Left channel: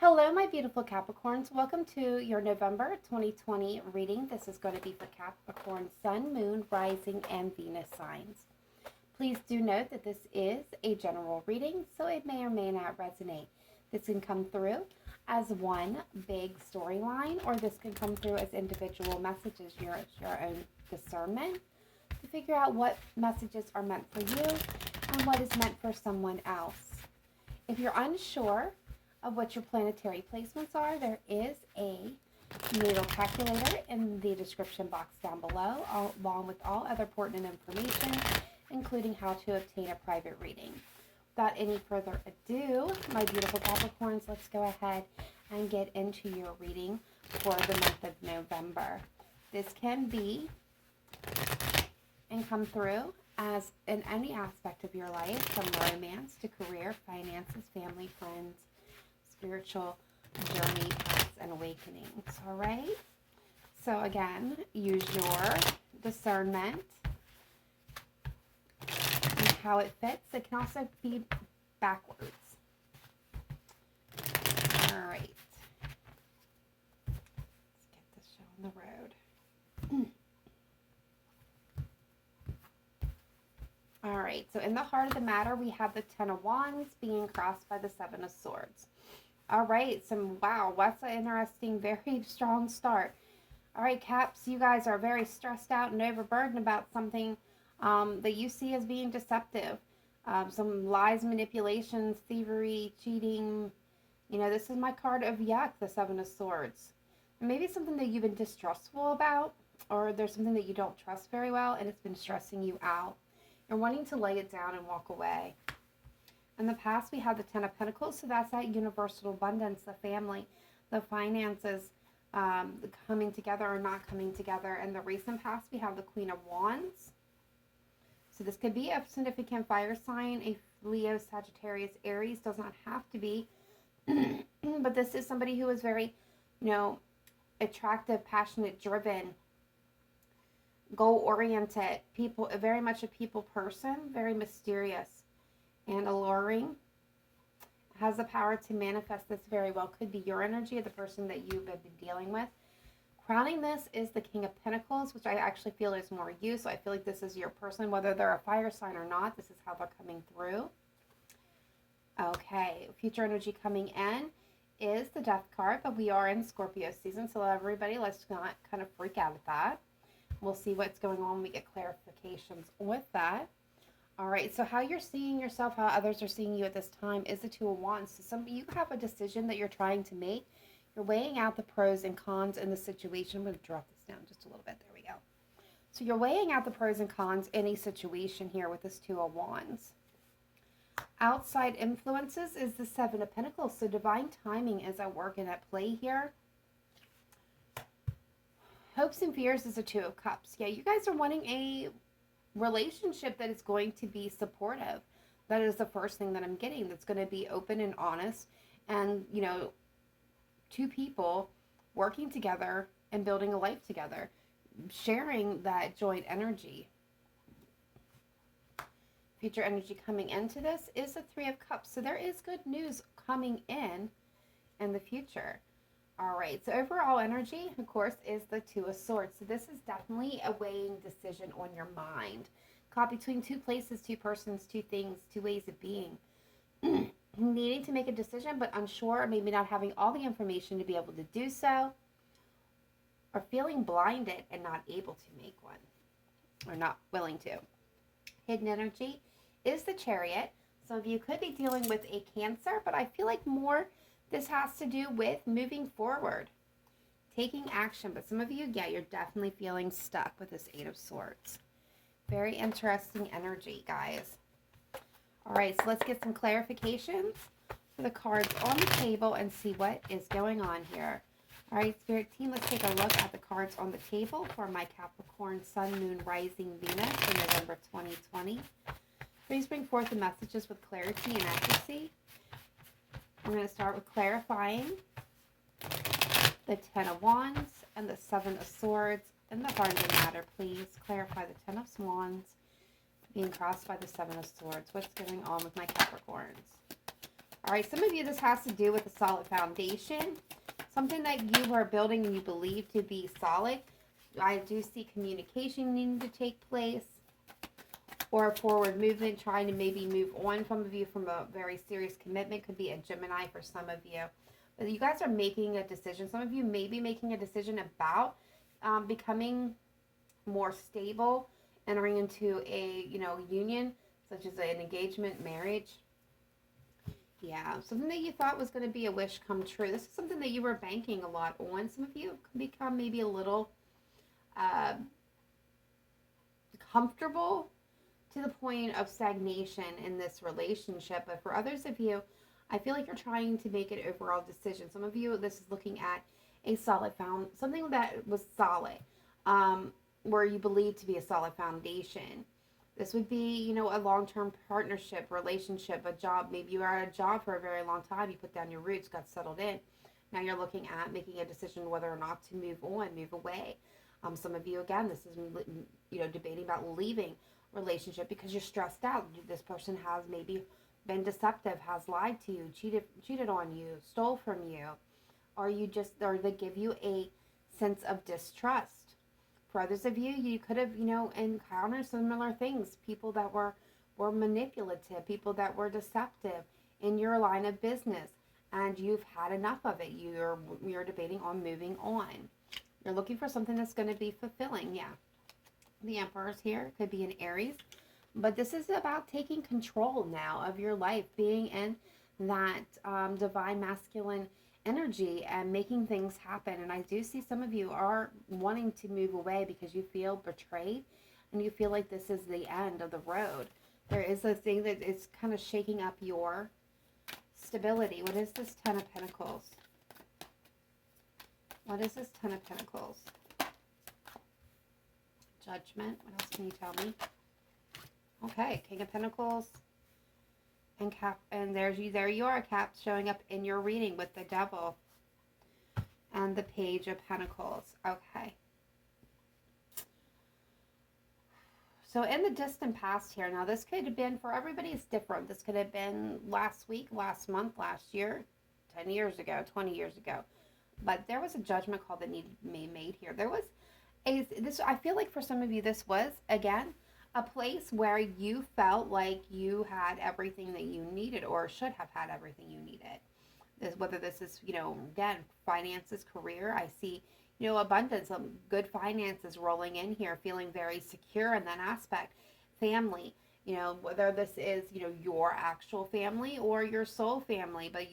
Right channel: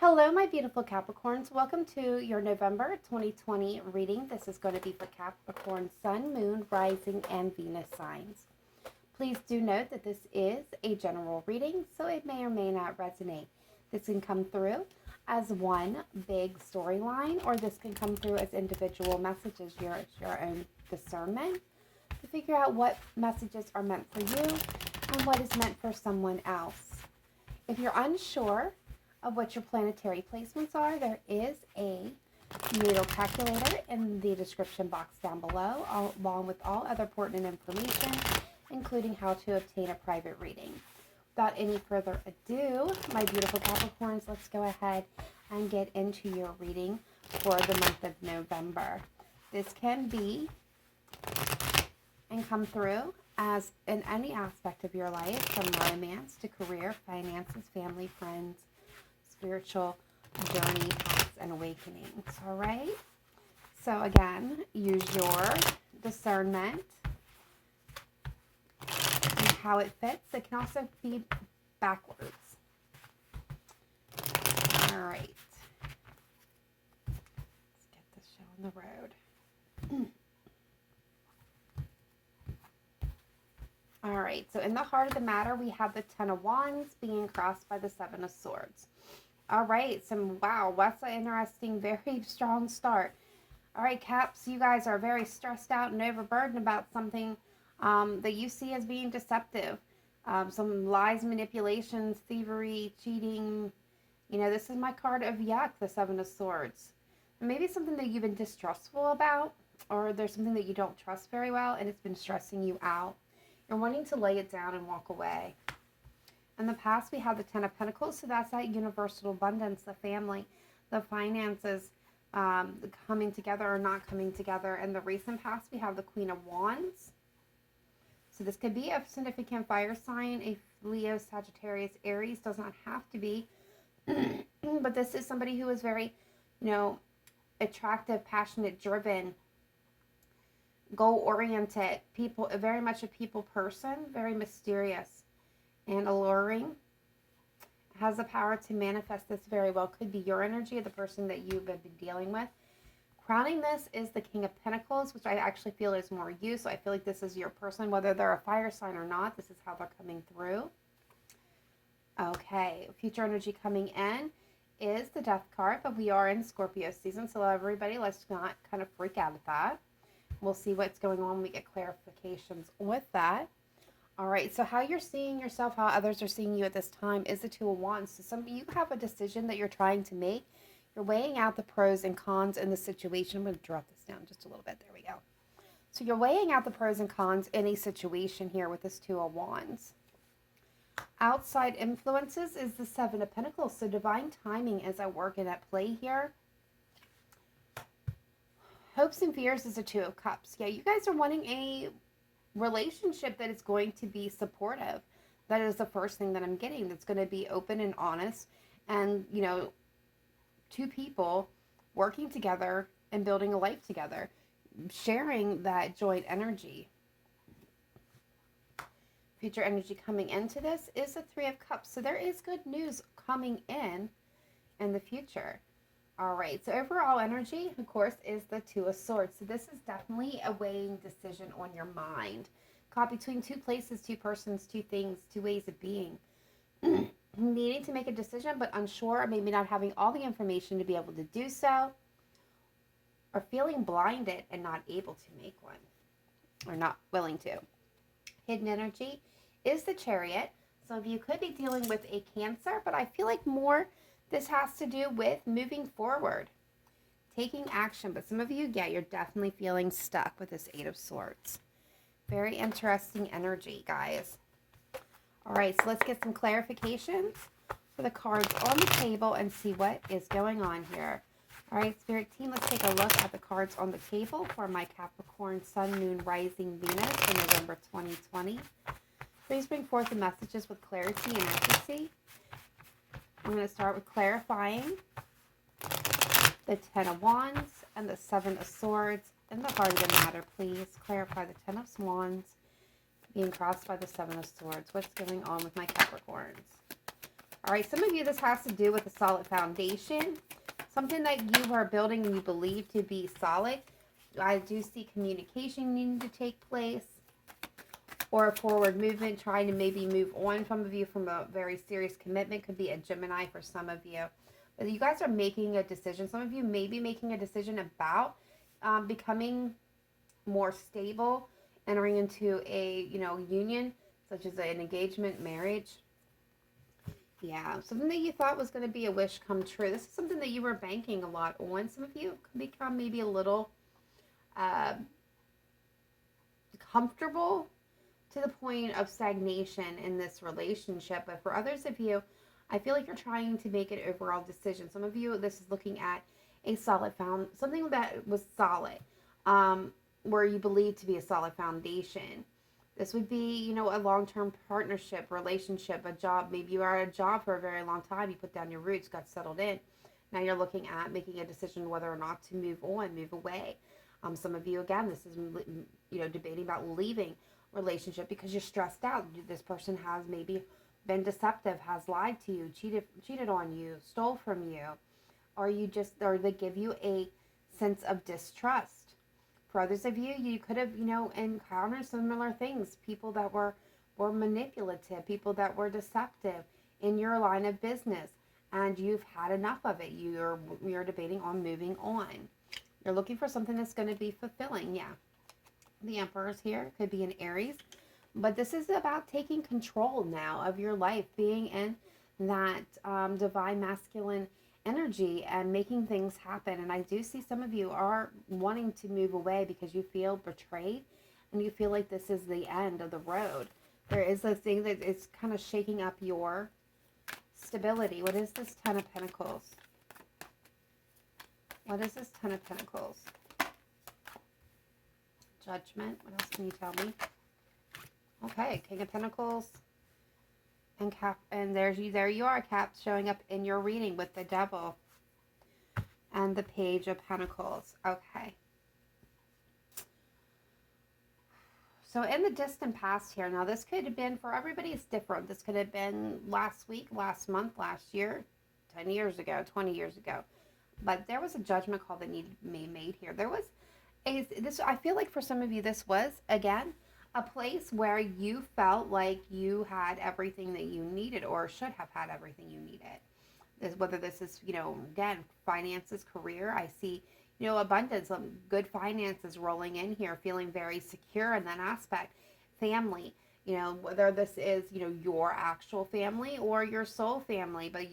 Hello, my beautiful Capricorns. Welcome to your November 2020 reading. This is going to be for Capricorn Sun, Moon, Rising, and Venus signs. Please do note that this is a general reading, so it may or may not resonate. This can come through as one big storyline, or this can come through as individual messages, your own discernment to figure out what messages are meant for you and what is meant for someone else. If you're unsure of what your planetary placements are, there is a natal calculator in the description box down below, along with all other pertinent information, including how to obtain a private reading. Without any further ado, my beautiful Capricorns, let's go ahead and get into your reading for the month of November. This can be and come through as in any aspect of your life, from romance to career, finances, family, friends, spiritual journey, paths, and awakenings. All right. So again, use your discernment and how it fits. It can also be backwards. All right. Let's get this show on the road. All right. So in the heart of the matter, we have the Ten of Wands being crossed by the Seven of Swords. All right, wow, that's an interesting, very strong start. All right, Caps, you guys are very stressed out and overburdened about something that you see as being deceptive. Some lies, manipulations, thievery, cheating. You know, this is my card of yuck, the Seven of Swords. Maybe something that you've been distrustful about, or there's something that you don't trust very well, and it's been stressing you out. You're wanting to lay it down and walk away. In the past, we have the Ten of Pentacles, so that's that universal abundance, the family, the finances coming together or not coming together. In the recent past, we have the Queen of Wands. So this could be a significant fire sign, a Leo, Sagittarius, Aries, does not have to be. But this is somebody who is very, attractive, passionate, driven, goal-oriented, people, very much a people person, very mysterious and alluring, has the power to manifest this very well. Could be your energy or the person that you've been dealing with. Crowning this is the King of Pentacles, which I actually feel is more you. So I feel like this is your person, whether they're a fire sign or not. This is how they're coming through. Okay, future energy coming in is the Death card, but we are in Scorpio season, so everybody, let's not kind of freak out at that. We'll see what's going on when we get clarifications with that. All right, so how you're seeing yourself, how others are seeing you at this time is the Two of Wands. So you have a decision that you're trying to make. You're weighing out the pros and cons in the situation. I'm going to drop this down just a little bit. There we go. So you're weighing out the pros and cons in a situation here with this Two of Wands. Outside influences is the Seven of Pentacles. So divine timing is at work and at play here. Hopes and fears is the Two of Cups. Yeah, you guys are wanting a relationship that is going to be supportive. That is the first thing that I'm getting. That's going to be open and honest, and two people working together and building a life together, sharing that joint energy. Future energy coming into this is the Three of Cups. So there is good news coming in the future. All right, so overall energy, of course, is the Two of Swords. So this is definitely a weighing decision on your mind. Caught between two places, two persons, two things, two ways of being. Needing to make a decision, but unsure, or maybe not having all the information to be able to do so. Or feeling blinded and not able to make one. Or not willing to. Hidden energy is the Chariot. Some of you could be dealing with a Cancer, but I feel like more this has to do with moving forward, taking action. But some of you, yeah, you're definitely feeling stuck with this Eight of Swords. Very interesting energy, guys. All right, so let's get some clarifications for the cards on the table and see what is going on here. All right, Spirit Team, let's take a look at the cards on the table for my Capricorn Sun, Moon, Rising, Venus in November 2020. Please bring forth the messages with clarity and accuracy. I'm going to start with clarifying the Ten of Wands and the Seven of Swords in the heart of the matter. Please clarify the Ten of Wands being crossed by the Seven of Swords. What's going on with my Capricorns? All right, some of you, this has to do with a solid foundation, something that you are building and you believe to be solid. I do see communication needing to take place, or a forward movement, trying to maybe move on, some of you, from a very serious commitment. Could be a Gemini for some of you. But you guys are making a decision. Some of you may be making a decision about becoming more stable, entering into a, union, such as an engagement, marriage. Yeah, something that you thought was going to be a wish come true. This is something that you were banking a lot on. Some of you can become maybe a little uh, comfortable to the point of stagnation in this relationship. But for others of you, I feel like you're trying to make an overall decision. Some of you, this is looking at a solid something that was solid, where you believe to be a solid foundation. This would be, a long-term partnership, relationship, a job. Maybe you are at a job for a very long time. You put down your roots, got settled in. Now you're looking at making a decision whether or not to move on, move away. Some of you, again, this is, debating about leaving relationship because you're stressed out. This person has maybe been deceptive, has lied to you, cheated on you, stole from you, or they give you a sense of distrust. For others of you, you could have, encountered similar things. People that were manipulative, people that were deceptive in your line of business, and you've had enough of it. You're debating on moving on. You're looking for something that's going to be fulfilling. Yeah. The Emperor's here. It could be an Aries. But this is about taking control now of your life, being in that divine masculine energy and making things happen. And I do see some of you are wanting to move away because you feel betrayed and you feel like this is the end of the road. There is a thing that is kind of shaking up your stability. What is this Ten of Pentacles? What is this Ten of Pentacles? Judgment. What else can you tell me? Okay, King of Pentacles and Cap, and there you are, Cap, showing up in your reading with the Devil and the Page of Pentacles. Okay. So in the distant past here, now this could have been, for everybody it's different. This could have been last week, last month, last year, 10 years ago, 20 years ago. But there was a judgment call that needed to be made here. There was I feel like for some of you, this was, again, a place where you felt like you had everything that you needed, or should have had everything you needed. Whether this is, again, finances, career. I see, abundance, good finances rolling in here, feeling very secure in that aspect. Family, whether this is, your actual family or your soul family, but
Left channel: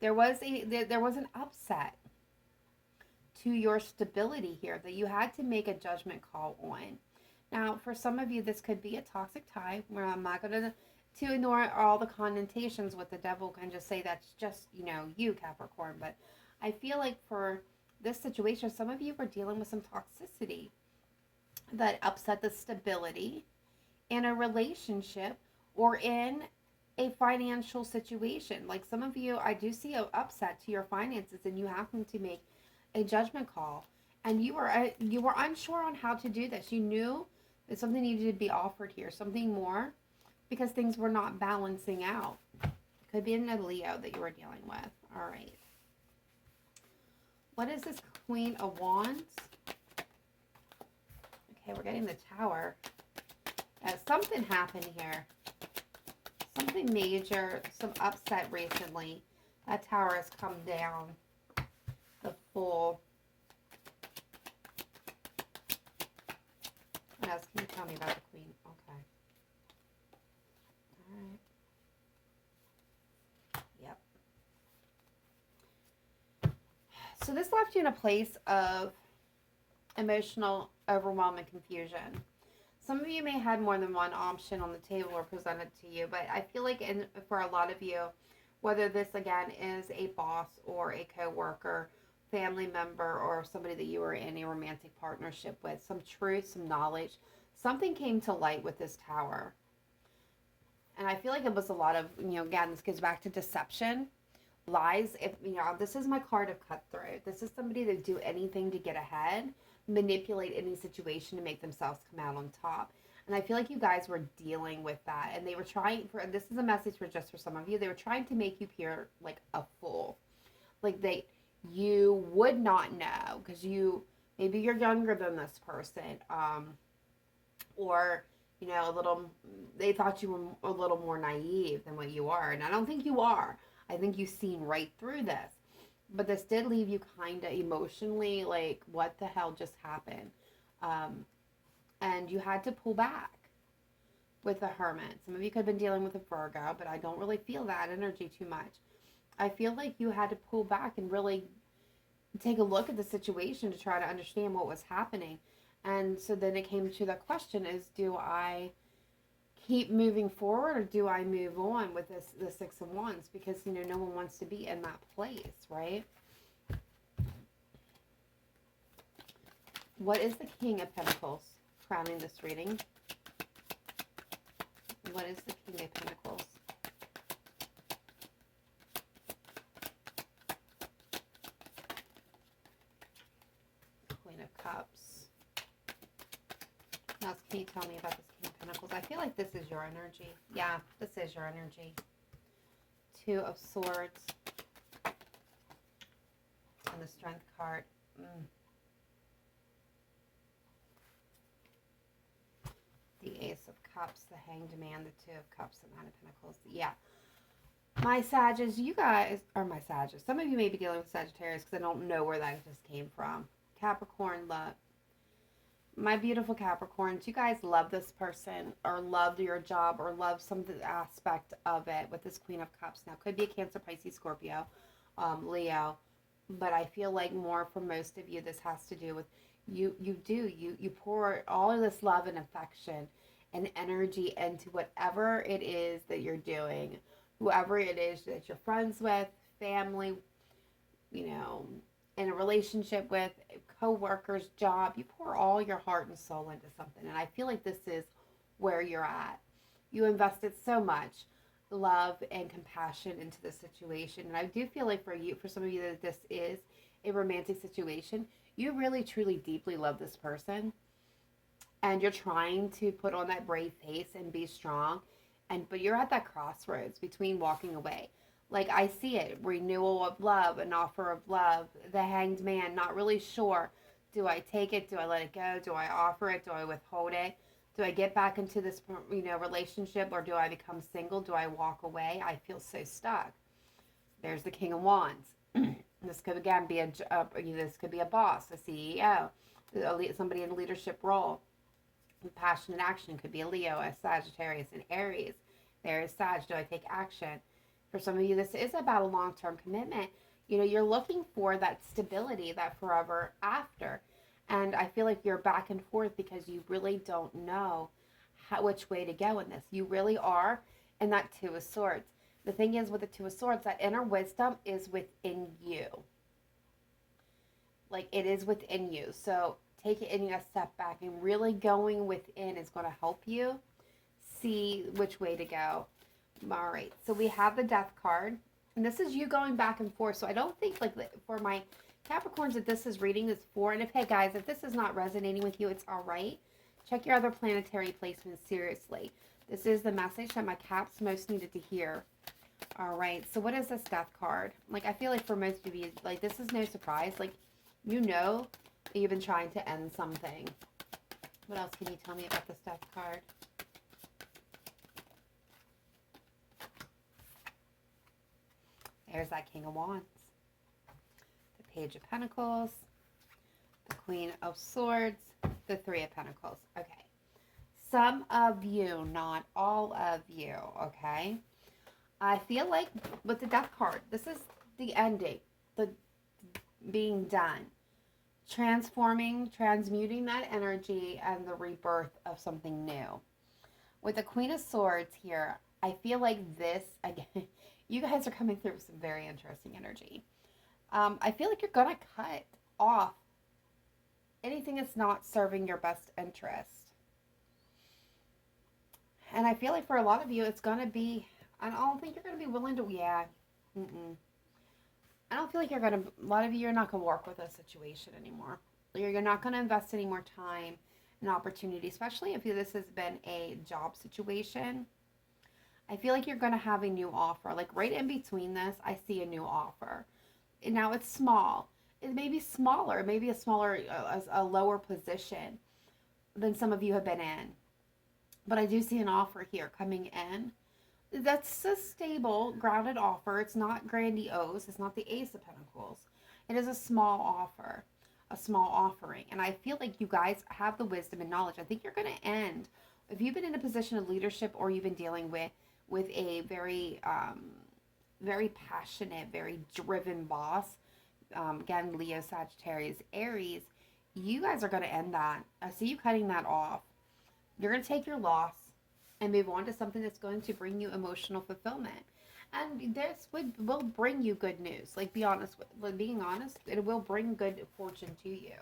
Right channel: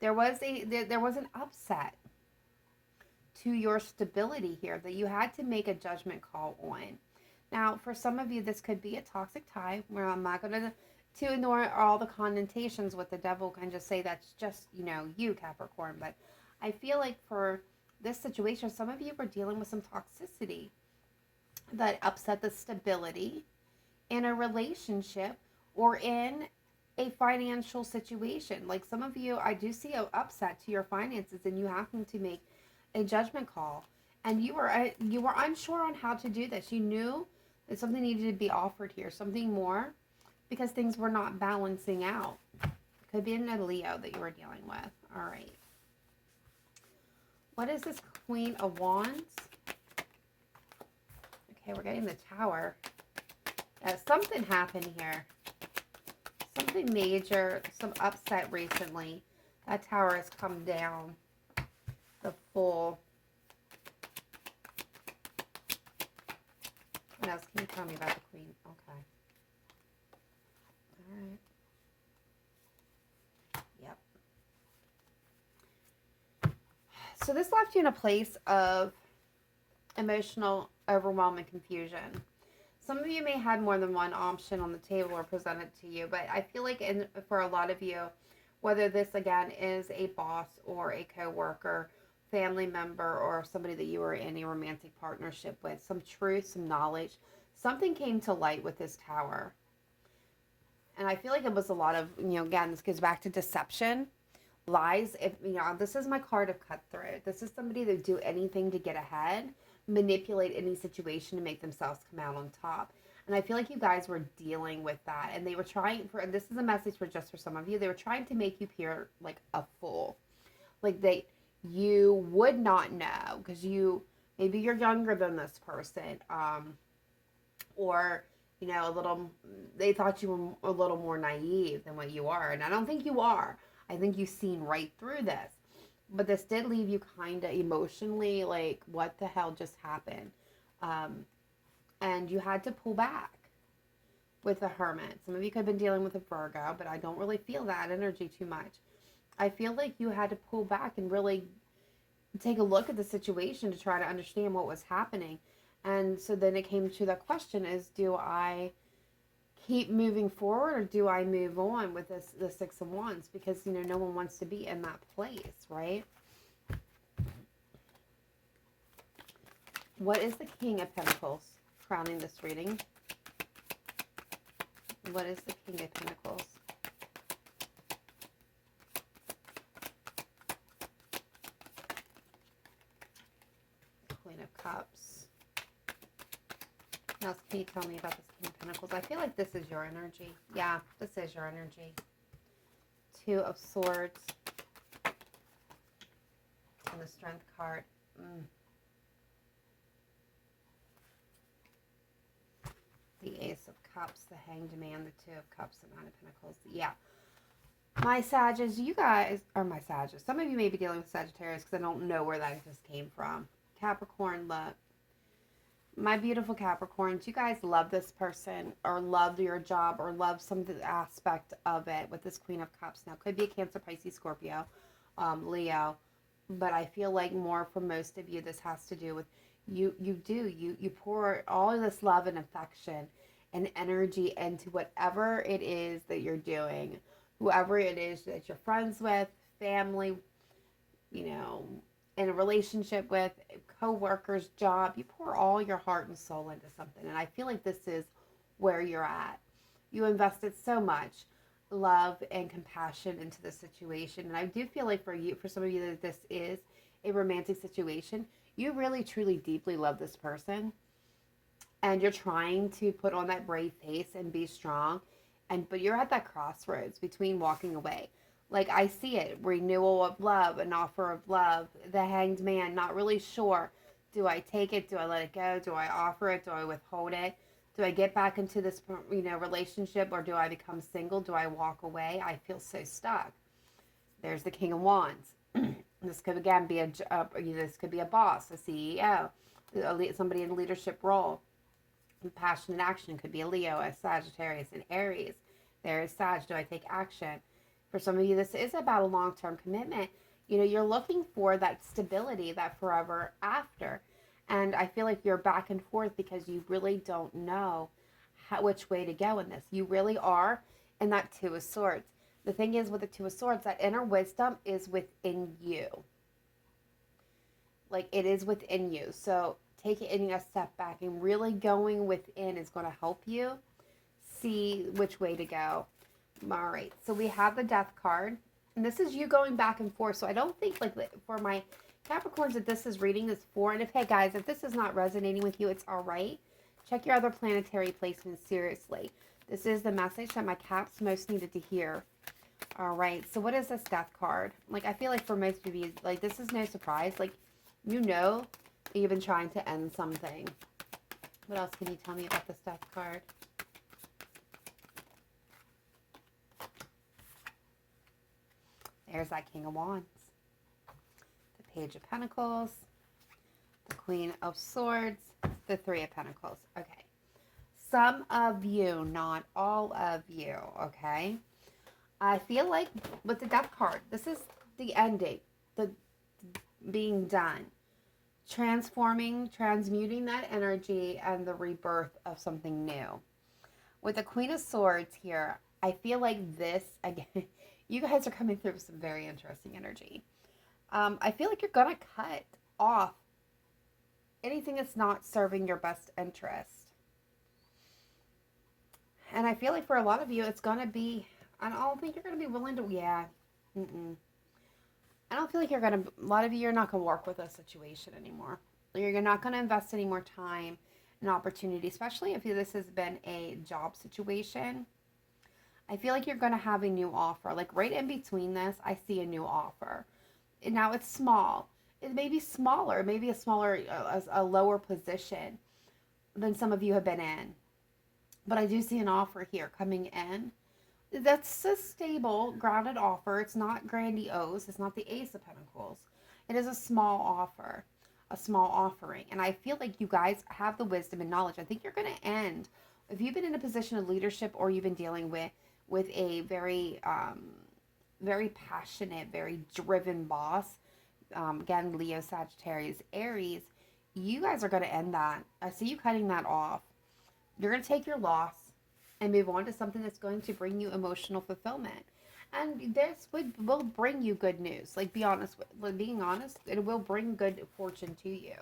there was an upset to your stability here that you had to make a judgment call on. Now, for some of you, this could be a toxic tie, where I'm not going to ignore all the connotations with the Devil and just say that's just, you, Capricorn. But I feel like for this situation, some of you were dealing with some toxicity that upset the stability in a relationship or in a financial situation. Like some of you, I do see an upset to your finances, and you happen to make a judgment call, and you were unsure on how to do this. You knew that something needed to be offered here, something more, because things were not balancing out. Could be a Leo that you were dealing with. All right. What is this Queen of Wands? Okay, we're getting the Tower. Something happened here. Something major, some upset recently. That Tower has come down. The Fool. What else can you tell me about the Queen? Okay. All right. Yep. So this left you in a place of emotional overwhelm and confusion. Some of you may have had more than one option on the table or presented to you, but I feel like for a lot of you, whether this again is a boss or a co-worker, family member, or somebody that you were in a romantic partnership with, some truth, some knowledge, something came to light with this Tower. And I feel like it was a lot of, again, this goes back to deception, lies. If, this is my card of Cutthroat. This is somebody that do anything to get ahead, manipulate any situation to make themselves come out on top. And I feel like you guys were dealing with that. And they were trying for, and this is a message for just for some of you, they were trying to make you appear like a fool. Like you would not know because maybe you're younger than this person. Or, a little, they thought you were a little more naive than what you are. And I don't think you are. I think you've seen right through this. But this did leave you kind of emotionally like, what the hell just happened? And you had to pull back with the Hermit. Some of you could have been dealing with a Virgo, but I don't really feel that energy too much. I feel like you had to pull back and really take a look at the situation to try to understand what was happening. And so then it came to the question is, do I keep moving forward or do I move on with the Six of Wands? Because, no one wants to be in that place, right? What is the King of Pentacles crowning this reading? What is the King of Pentacles? Queen of Cups. Now, can you tell me about this King of Pentacles? I feel like this is your energy. Yeah, this is your energy. Two of Swords. And the Strength card. The Ace of Cups, the Hanged Man, the Two of Cups, the Nine of Pentacles. Yeah. My Sagittarius, you guys, or my Sagittarius, some of you may be dealing with Sagittarius because I don't know where that just came from. Capricorn, love. My beautiful Capricorns, you guys love this person or love your job or love some aspect of it with this Queen of Cups. Now, could be a Cancer, Pisces, Scorpio, Leo, but I feel like more for most of you, this has to do with you pour all of this love and affection and energy into whatever it is that you're doing, whoever it is that you're friends with, family, in a relationship with, co-workers, job. You pour all your heart and soul into something, and I feel like this is where you're at. You invested so much love and compassion into the situation, and I do feel like for some of you that this is a romantic situation. You really, truly, deeply love this person, and you're trying to put on that brave face and be strong, but you're at that crossroads between walking away. Like, I see it, renewal of love, an offer of love, the Hanged Man, not really sure. Do I take it? Do I let it go? Do I offer it? Do I withhold it? Do I get back into this, relationship, or do I become single? Do I walk away? I feel so stuck. There's the King of Wands. This could again be this could be a boss, a CEO, somebody in a leadership role. Passionate action could be a Leo, a Sagittarius, an Aries. There's Sag. Do I take action? For some of you, this is about a long-term commitment. You're looking for that stability, that forever after. And I feel like you're back and forth because you really don't know which way to go in this. You really are in that Two of Swords. The thing is with the Two of Swords, that inner wisdom is within you. Like, it is within you. So taking a step back and really going within is going to help you see which way to go. All right. So we have the Death card. And this is you going back and forth. So I don't think, like, for my Capricorns that this is reading this for. And hey, guys, if this is not resonating with you, it's all right. Check your other planetary placements seriously. This is the message that my Caps most needed to hear. All right, so what is this Death card? Like, I feel like for most of you, like, this is no surprise. Like, you've been trying to end something. What else can you tell me about this Death card? There's that King of Wands. The Page of Pentacles. The Queen of Swords. The Three of Pentacles. Okay. Some of you, not all of you, okay? I feel like with the Death card, this is the ending, the being done, transforming, transmuting that energy, and the rebirth of something new. With the Queen of Swords here, I feel like this, again, you guys are coming through with some very interesting energy. I feel like you're going to cut off anything that's not serving your best interest. And I feel like for a lot of you, it's going to be, I don't think you're going to be willing to, I don't feel like you're going to, a lot of you are not going to work with a situation anymore. You're not going to invest any more time an opportunity, especially if this has been a job situation. I feel like you're going to have a new offer. Like right in between this, I see a new offer. And now it's small. It may be smaller, maybe a smaller, a lower position than some of you have been in. But I do see an offer here coming in. That's a stable, grounded offer. It's not grandiose. It's not the Ace of Pentacles. It is a small offer, a small offering. And I feel like you guys have the wisdom and knowledge. I think you're going to end, if you've been in a position of leadership or you've been dealing with a very, very passionate, very driven boss, again, Leo, Sagittarius, Aries, you guys are going to end that. I see you cutting that off. You're going to take your loss and move on to something that's going to bring you emotional fulfillment. And this will bring you good news. Like, being honest, it will bring good fortune to you.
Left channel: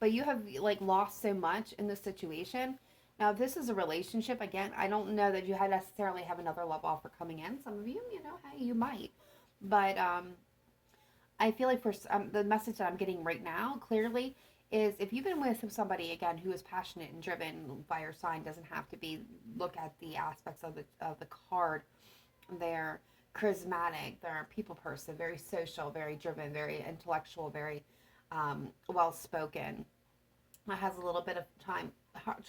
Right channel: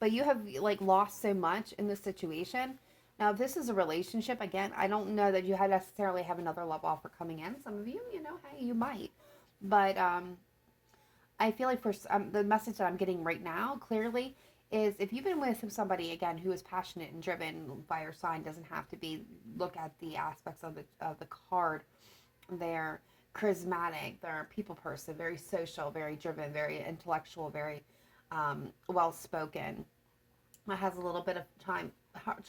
But you have, like, lost so much in this situation. Now, if this is a relationship, again, I don't know that you necessarily have another love offer coming in. Some of you, hey, you might. But I feel like the message that I'm getting right now, clearly, is if you've been with somebody, again, who is passionate and driven, fire sign doesn't have to be, look at the aspects of the card. They're charismatic, they're a people person, very social, very driven, very intellectual, very well-spoken. Has a little bit of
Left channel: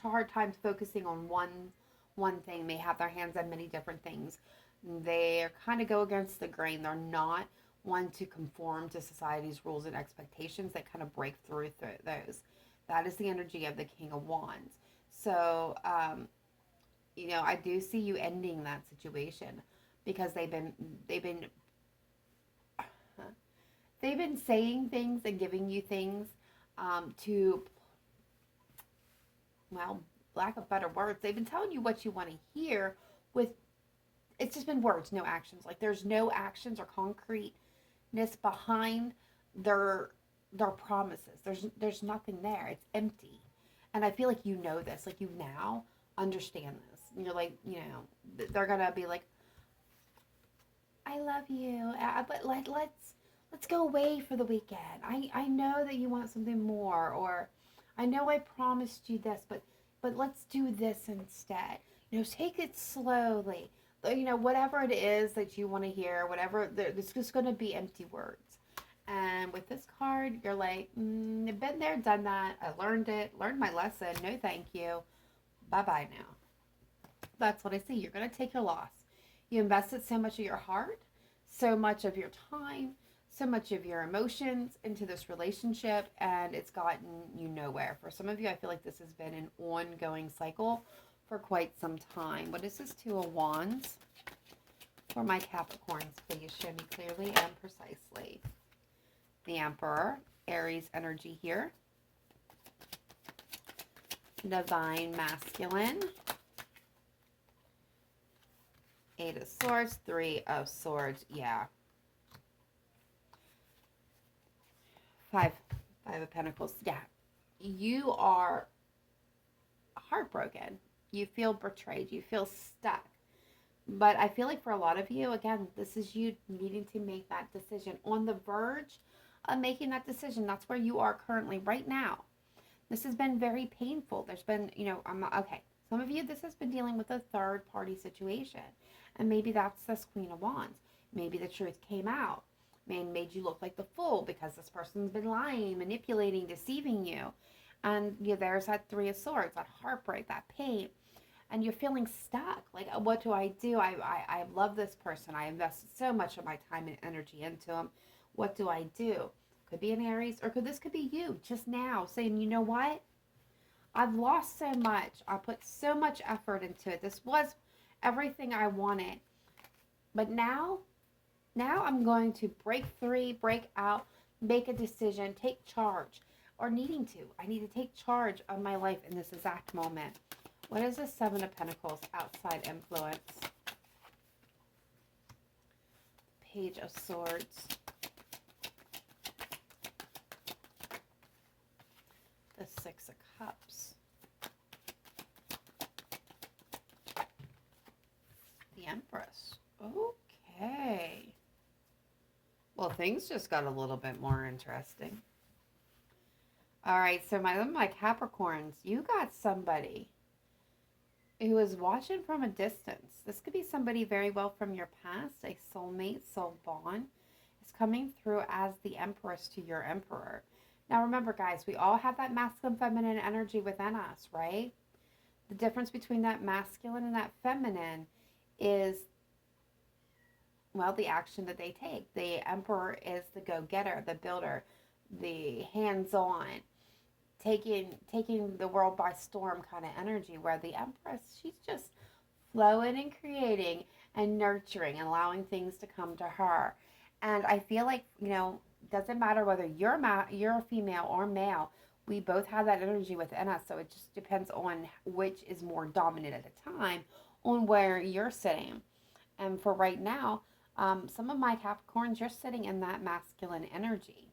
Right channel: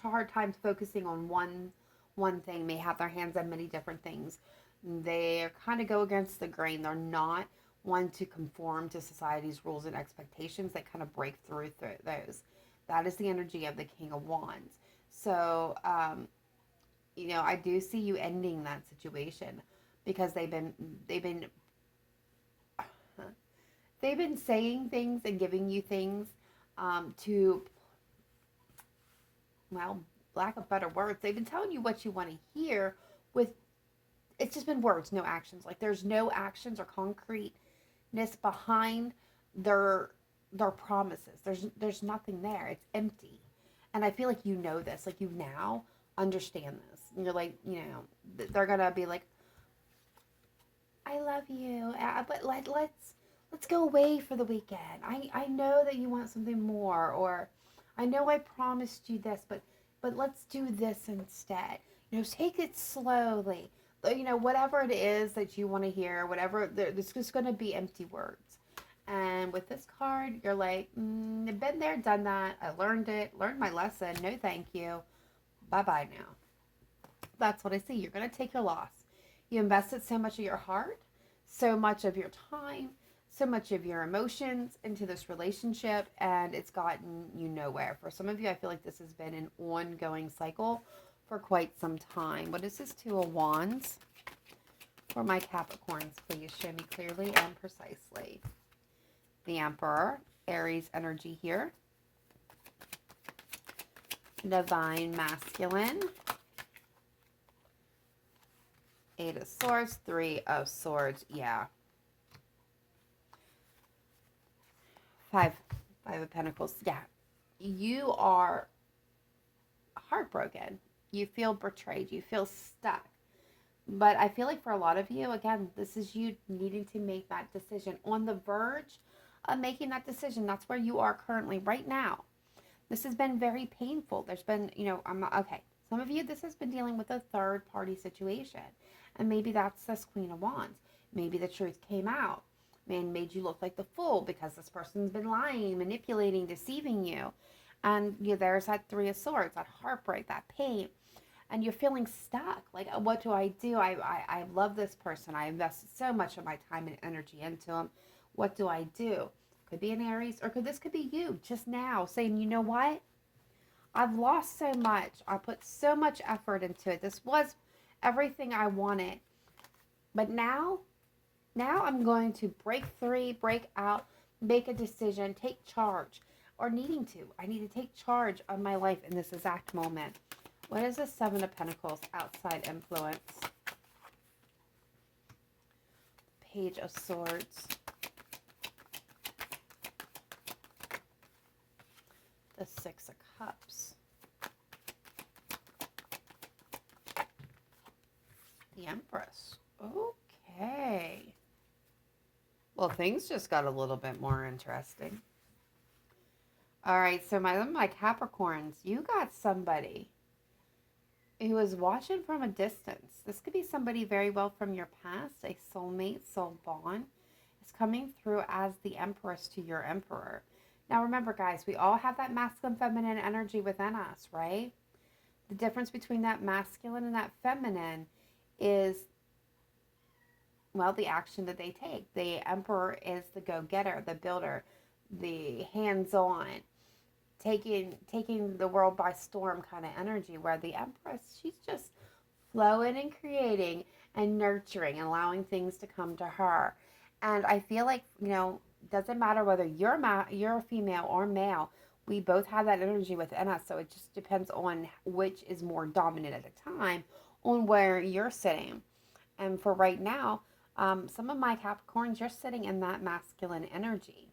hard time focusing on one thing, may have their hands on many different things. They kind of go against the grain. They're not one to conform to society's rules and expectations. That kind of break through those. That is the energy of the King of Wands. So, I do see you ending that situation because they've been saying things and giving you things to, well, lack of better words, they've been telling you what you want to hear it's just been words, no actions. Like, there's no actions or concreteness behind their promises. There's nothing there. It's empty. And I feel like you know this. Like, you now understand this. And you're like, they're going to be like, I love you, but let's go away for the weekend. I know that you want something more, or I know I promised you this, but let's do this instead. Take it slowly. Whatever it is that you want to hear, it's just going to be empty words. And with this card, you're like, I've been there, done that. I learned my lesson. No, thank you. Bye-bye now. That's what I see. You're going to take your loss. You invested so much of your heart, so much of your time, so much of your emotions into this relationship, and it's gotten you nowhere. For some of you, I feel like this has been an ongoing cycle for quite some time. What is this Two of Wands? For my Capricorns, please show me clearly and precisely. The Emperor, Aries energy here. Divine Masculine. Eight of Swords, Three of Swords, yeah. Five of Pentacles, yeah. You are heartbroken. You feel betrayed. You feel stuck. But I feel like for a lot of you, again, this is you needing to make that decision. On the verge of making that decision. That's where you are currently right now. This has been very painful. There's been, okay. Some of you, this has been dealing with a third party situation. And maybe that's this Queen of Wands. Maybe the truth came out and made you look like the fool because this person's been lying, manipulating, deceiving you. And there's that Three of Swords, that heartbreak, that pain. And you're feeling stuck. Like, what do? I love this person. I invested so much of my time and energy into them. What do I do? Could be an Aries, or this could be you just now saying, you know what? I've lost so much. I put so much effort into it. This was everything I wanted. But now I'm going to break free, break out, make a decision, take charge. Or needing to. I need to take charge of my life in this exact moment. What is the Seven of Pentacles? Outside influence. Page of Swords. The Six of Cups. The Empress. Okay. Well, things just got a little bit more interesting. All right, so my Capricorns, you got somebody who is watching from a distance. This could be somebody very well from your past, a soulmate, soul bond. Is coming through as the Empress to your Emperor. Now remember, guys, we all have that masculine, feminine energy within us, right? The difference between that masculine and that feminine is, well, the action that they take. The Emperor is the go-getter, the builder, the hands-on, taking the world by storm kind of energy, where the Empress, she's just flowing and creating and nurturing and allowing things to come to her. And I feel like, doesn't matter whether you're a female or male, we both have that energy within us. So it just depends on which is more dominant at the time, on where you're sitting. And for right now, some of my Capricorns, you're sitting in that masculine energy,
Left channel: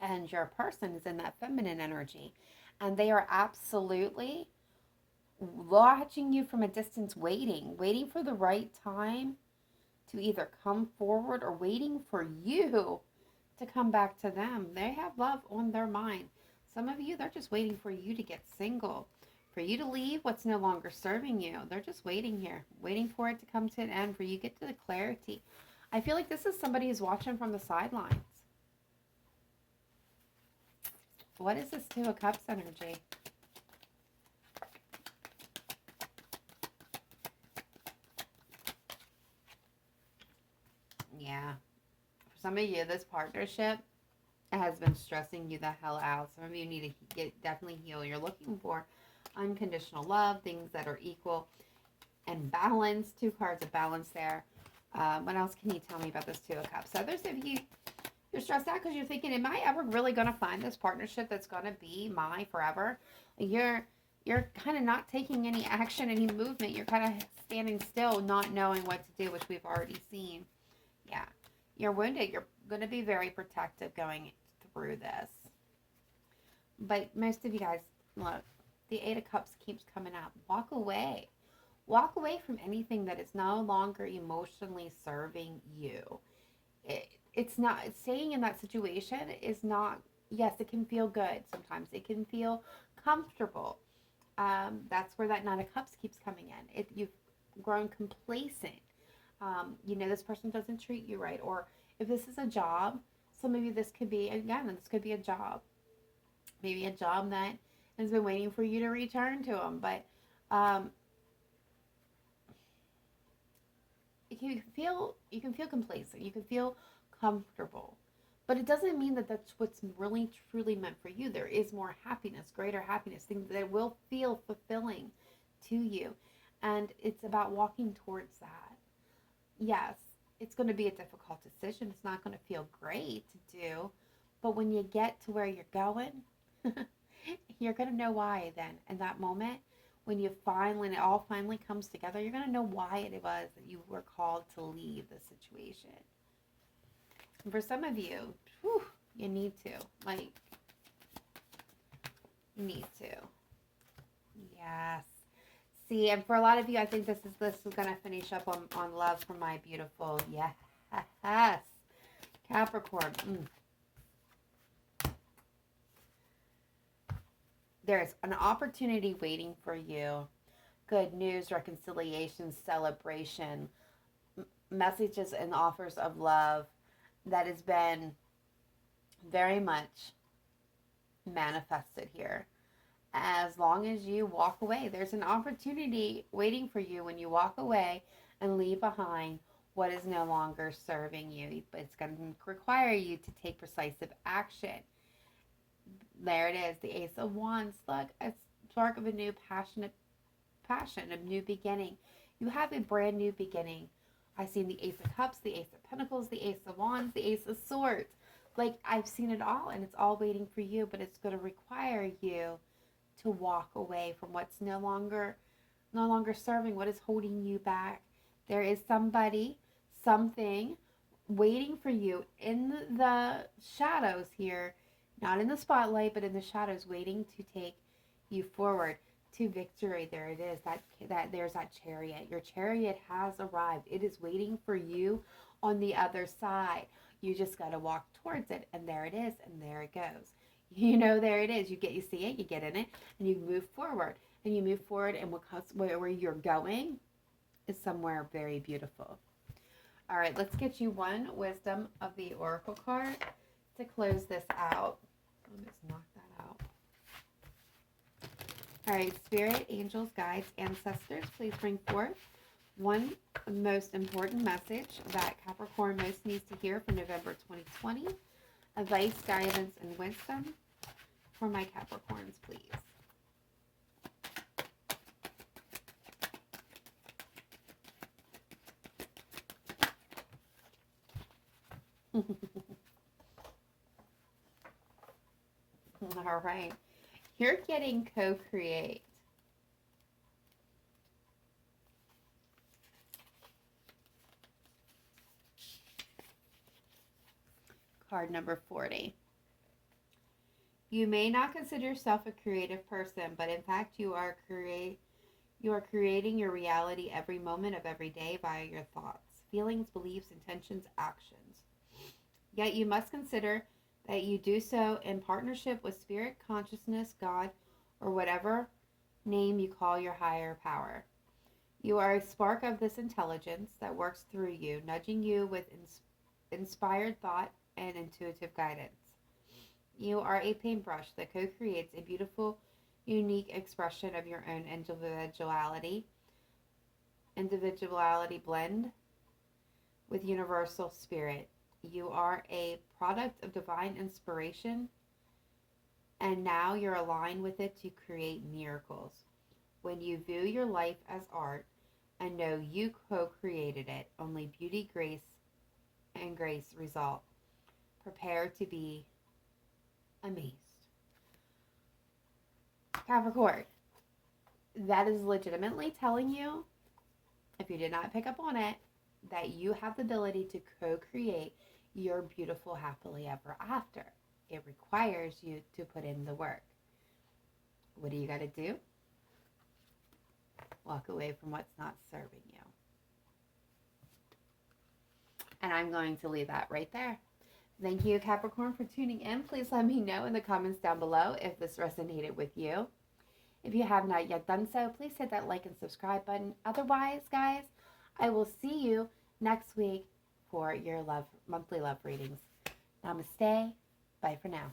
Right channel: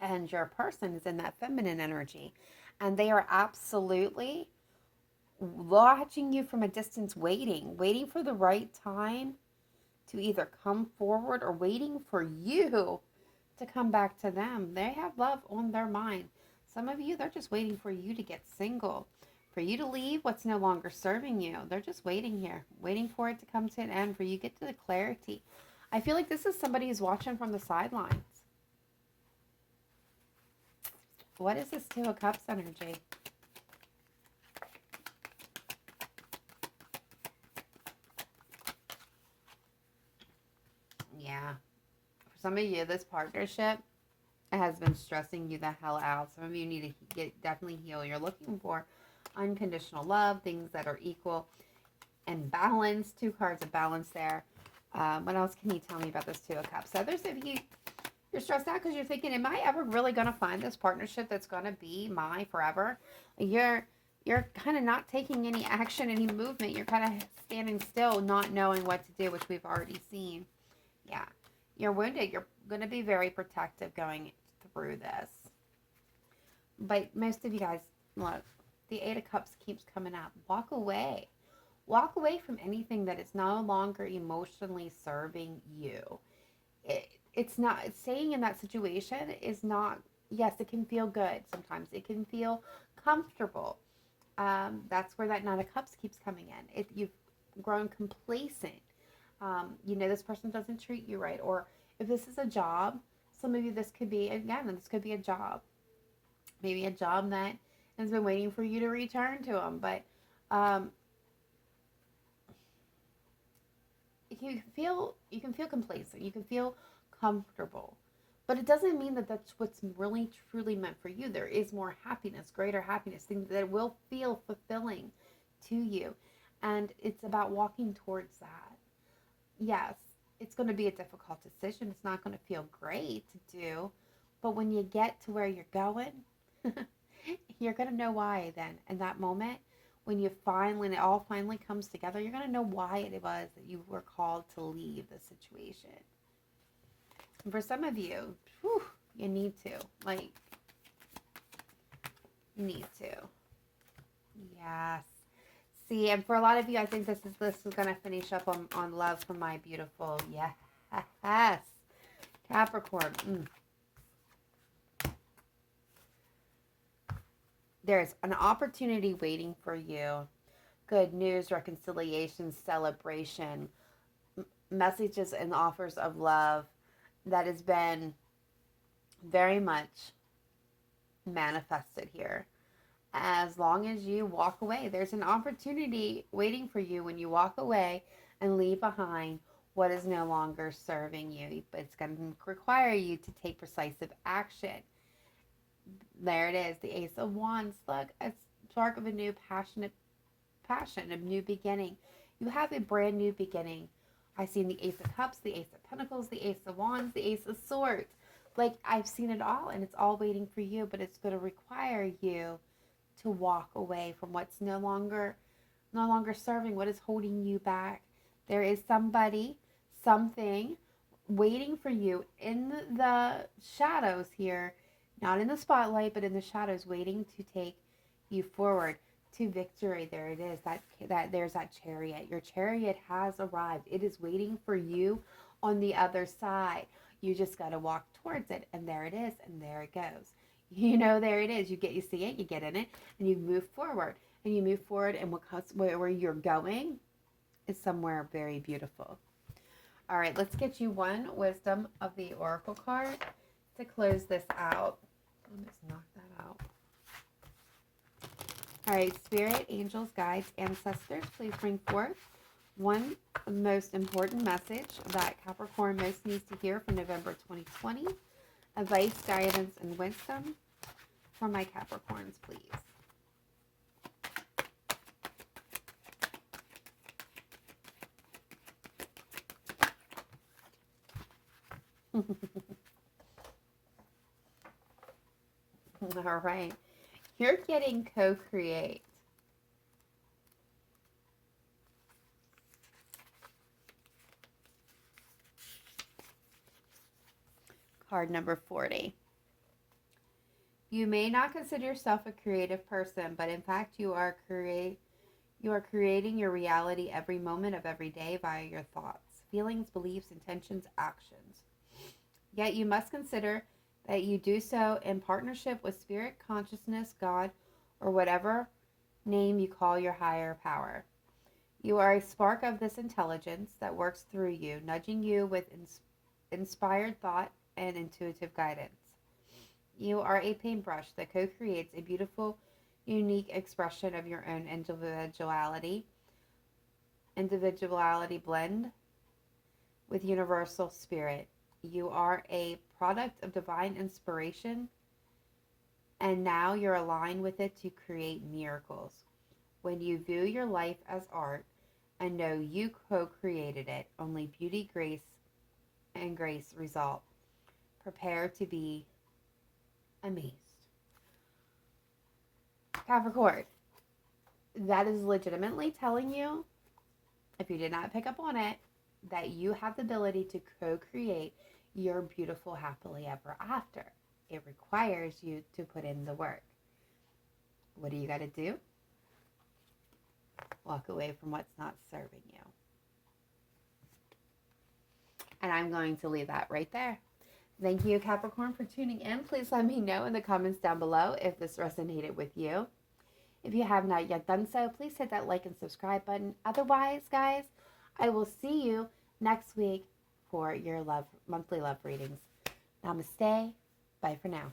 and your person is in that feminine energy. And they are absolutely watching you from a distance, waiting for the right time to either come forward, or waiting for you to come back to them. They have love on their mind. Some of you, they're just waiting for you to get single, for you to leave what's no longer serving you. They're just waiting here, waiting for it to come to an end, for you to get to the clarity. I feel like this is somebody who's watching from the sidelines. What is this Two of Cups energy? Yeah. For some of you, this partnership has been stressing you the hell out. Some of you need to definitely heal. You're looking for unconditional love, things that are equal and balanced. Two cards of balance there. What else can you tell me about this Two of Cups? Others of you, you're stressed out because you're thinking, am I ever really going to find this partnership that's going to be my forever? You're kind of not taking any action, any movement. You're kind of standing still, not knowing what to do, which we've already seen. Yeah. You're wounded. You're going to be very protective going through this. But most of you guys, look, the Eight of Cups keeps coming out. Walk away. Walk away from anything that is no longer emotionally serving you. It's not, staying in that situation is not, yes, it can feel good sometimes. It can feel comfortable. That's where that Nine of Cups keeps coming in. You've grown complacent. This person doesn't treat you right. Or if this is a job, some of you, this could be a job. Maybe a job that has been waiting for you to return to them. But you can feel complacent. You can feel comfortable. But it doesn't mean that that's what's really truly meant for you. There is more happiness, greater happiness, things that will feel fulfilling to you. And it's about walking towards that. Yes, it's going to be a difficult decision. It's not going to feel great to do. But when you get to where you're going, you're going to know why then. In that moment, when it all finally comes together, you're going to know why it was that you were called to leave the situation. And for some of you, you need to. Yes. See, and for a lot of you, I think this is going to finish up on love for my beautiful, yes, Capricorn. There's an opportunity waiting for you. Good news, reconciliation, celebration, messages and offers of love that has been very much manifested here. As long as you walk away, there's an opportunity waiting for you when you walk away and leave behind what is no longer serving you. But it's going to require you to take decisive action. There it is, the Ace of Wands. Look, a spark of a new passion, a new beginning. You have a brand new beginning. I've seen the Ace of Cups, the Ace of Pentacles, the Ace of Wands, the Ace of Swords. I've seen it all, and it's all waiting for you, but it's going to require you to walk away from what's no longer serving, what is holding you back. There is somebody, something waiting for you in the shadows here, not in the spotlight, but in the shadows, waiting to take you forward to victory. There it is. There's that chariot. Your chariot has arrived. It is waiting for you on the other side. You just got to walk towards it, and there it is, and there it goes. There it is. You see it, you get in it, and you move forward. And you move forward, and where you're going is somewhere very beautiful. All right, let's get you one wisdom of the oracle card to close this out. Let me just knock that out. All right, spirit, angels, guides, ancestors, please bring forth one most important message that Capricorn most needs to hear for November 2020. Advice, guidance, and wisdom for my Capricorns, please. All right. You're getting co-create. Card number 40. You may not consider yourself a creative person, but in fact you are creating your reality every moment of every day via your thoughts, feelings, beliefs, intentions, actions. Yet you must consider that you do so in partnership with spirit, consciousness, God, or whatever name you call your higher power. You are a spark of this intelligence that works through you, nudging you with inspired thought and intuitive guidance. You are a paintbrush that co-creates a beautiful, unique expression of your own individuality blend with universal spirit. You are a product of divine inspiration, and now you're aligned with it to create miracles. When you view your life as art and know you co-created it, only beauty, grace result. Prepare to be amazed. Capricorn, that is legitimately telling you, if you did not pick up on it, that you have the ability to co-create your beautiful happily ever after. It requires you to put in the work. What do you got to do? Walk away from what's not serving you. And I'm going to leave that right there. Thank you, Capricorn, for tuning in. Please let me know in the comments down below if this resonated with you. If you have not yet done so, please hit that like and subscribe button. Otherwise, guys, I will see you next week for your monthly love readings. Namaste. Bye for now.